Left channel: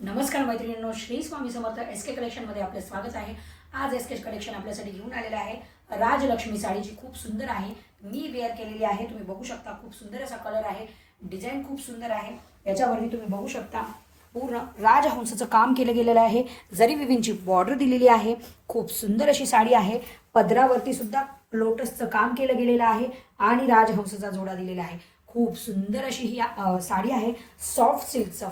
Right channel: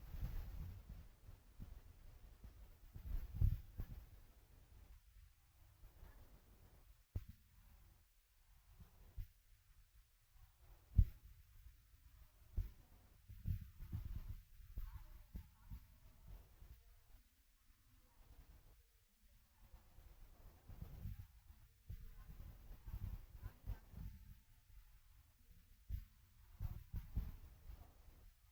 नमस्कार मैत्रिणींनो, श्री स्वामी समर्थ एसके कलेक्शनमध्ये आपले स्वागत आहे। आज एसके कलेक्शन आपल्यासाठी घेऊन आलेले आहे राजलक्ष्मी साडी, जी खूप सुंदर आहे। मी वेअर केलेली आहे, तुम्ही बघू शकता। खूप सुंदर असा कलर आहे, डिझाइन खूप सुंदर आहे। याच्यावरती तुम्ही बघू शकता पूर्ण राजहंसाचं काम केलं गेलेलं आहे। जरी विविंगची बॉर्डर दिलेली आहे। खूप सुंदर अशी साडी आहे। पदरावरती सुद्धा लोटसचं काम केलं गेलेलं आहे आणि राजहंसाचा जोडा दिलेला आहे। खूप सुंदर अशी ही साडी आहे। सॉफ्ट सिल्कचं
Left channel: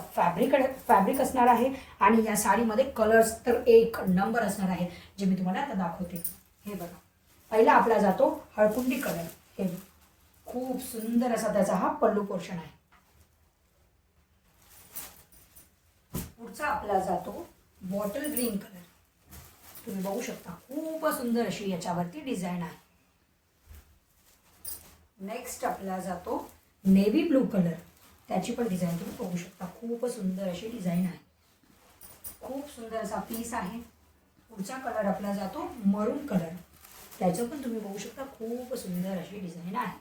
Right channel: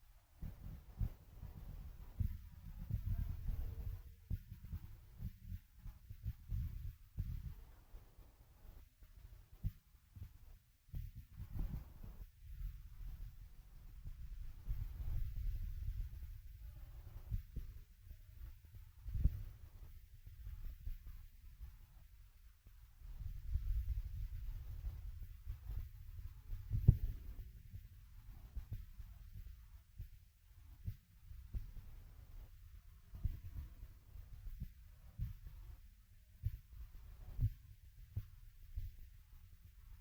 फॅब्रिक असणार आहे आणि या साडीमध्ये कलर्स तर एक नंबर असणार आहे, जे मी तुम्हाला आता दाखवते। हे बघा, पहिला आपला जातो हळकुंडी कलर। हे खूप सुंदर असा त्याचा हा पल्लू पोर्शन आहे। पुढचा आपला जातो बॉटल ग्रीन कलर। तुम्ही बघू शकता खूप सुंदर अशी याच्यावरती डिझाइन आहे। नेक्स्ट आपला जातो नेव्ही ब्लू कलर। त्याची पण डिझाइन तुम्ही बघू शकता, खूप सुंदर अशी डिझाइन आहे। खूप सुंदर असा पीस आहे। पुढचा कलर आपला जातो मरून कलर। त्याचं पण तुम्ही बघू शकता, खूप सुंदर अशी डिझाइन आहे।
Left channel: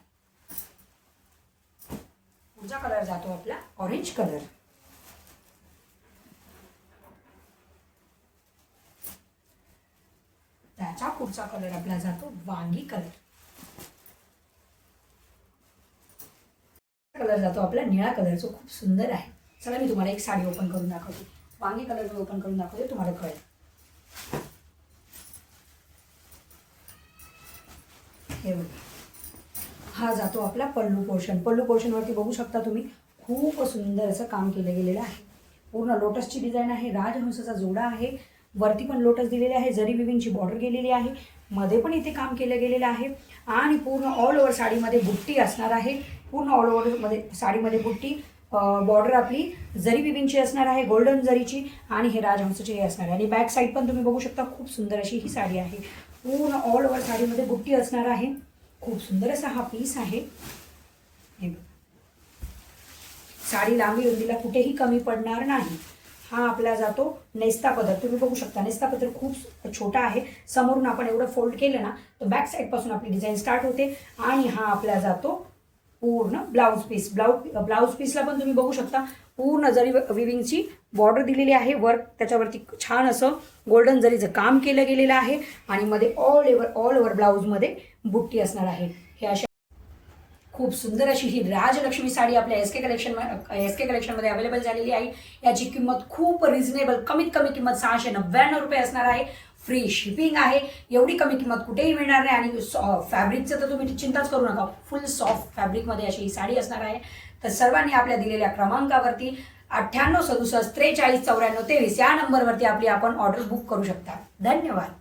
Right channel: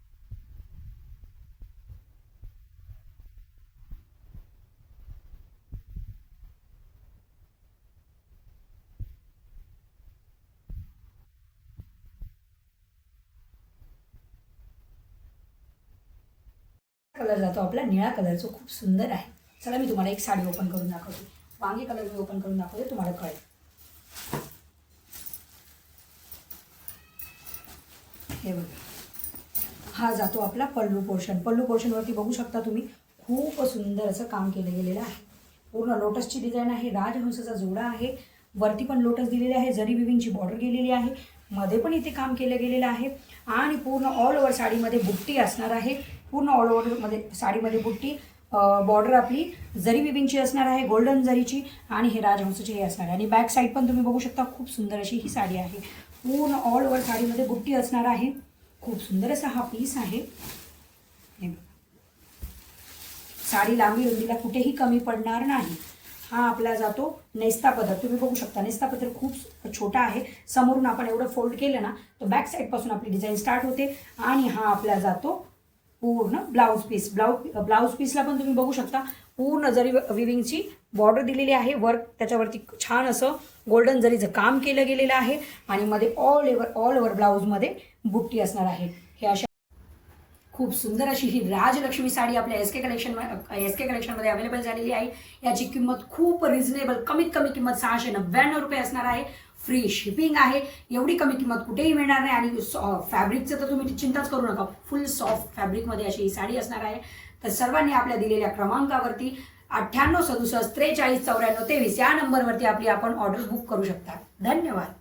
पुढचा कलर जातो आपला ऑरेंज कलर। त्याचा पुढचा कलर आपला जातो वांगी कलर। कलर जातो आपला निळा कलर, जो खूप सुंदर आहे। चला मी तुम्हाला एक साडी ओपन करून दाखवते। वांगी कलर मी ओपन करून दाखवते, तुम्हाला कळेल। हे बघा, हा जातो आपला पल्लू पोर्शन। पल्लू पोर्शन वरती बघू शकता तुम्ही, खूप सुंदर असं काम केलं गेलेलं आहे। पूर्ण लोटसची डिझाइन आहे। राजहंसाचा जोडा आहे। वरती पण लोटस दिलेले आहे। जरी विविंगची बॉर्डर गेलेली आहे। मध्ये पण इथे काम केलं गेलेलं आहे आणि पूर्ण ऑल ओव्हर साडीमध्ये बुट्टी असणार आहे। पूर्ण ऑल ओव्हर मध्ये साडीमध्ये बुट्टी, बॉर्डर आपली जरी विविंगची असणार आहे, गोल्डन जरीची, आणि हे राजहंसाची हे असणार आहे। आणि बॅक साईड पण तुम्ही बघू शकता, खूप सुंदर अशी ही साडी आहे। पूर्ण ऑल ओव्हर साडीमध्ये बुट्टी असणार आहे। खूप सुंदर असा हा पीस आहे। साडी लांबी रुंदीला कुठेही कमी पडणार नाही। हा आपला जातो नेस्ता पदर। तुम्ही बघू शकता, नेस्ता पदर खूप छोटा आहे। समोरून आपण एवढं फोल्ड केलं ना, तर बॅक साईड पासून आपली डिझाइन स्टार्ट होते। आणि हा आपला जातो पूर्ण ब्लाउज पीस। ब्लाउज पीसला पण तुम्ही बघू शकता, पूर्ण जरी विविंगची बॉर्डर दिलेली आहे। वर्क त्याच्यावरती छान असं गोल्डन जरीचं काम केलं गेलेलं आहे आणि मध्ये ऑल ओव्हर ब्लाउजमध्ये बुट्टी असणार आहे। हे अशा खूप सुंदर अशी ही राजलक्ष्मी साडी आपल्या एसके कलेक्शनमध्ये अवेलेबल झालेली आहे। याची किंमत खूप रिझनेबल, कमीत कमी किंमत 699 रुपये असणार आहे। फ्री शिपिंग आहे। एवढी कमी किंमत कुठेही मिळणार नाही। आणि फॅब्रिकचं तर तुम्ही चिंताच करू नका, फुल सॉफ्ट फॅब्रिकमध्ये अशी ही साडी असणार आहे। तर सर्वांनी आपल्या दिलेल्या क्रमांकावरती 98 67 43 94 23 या नंबरवरती आपण ऑर्डर बुक करू शकता। धन्यवाद।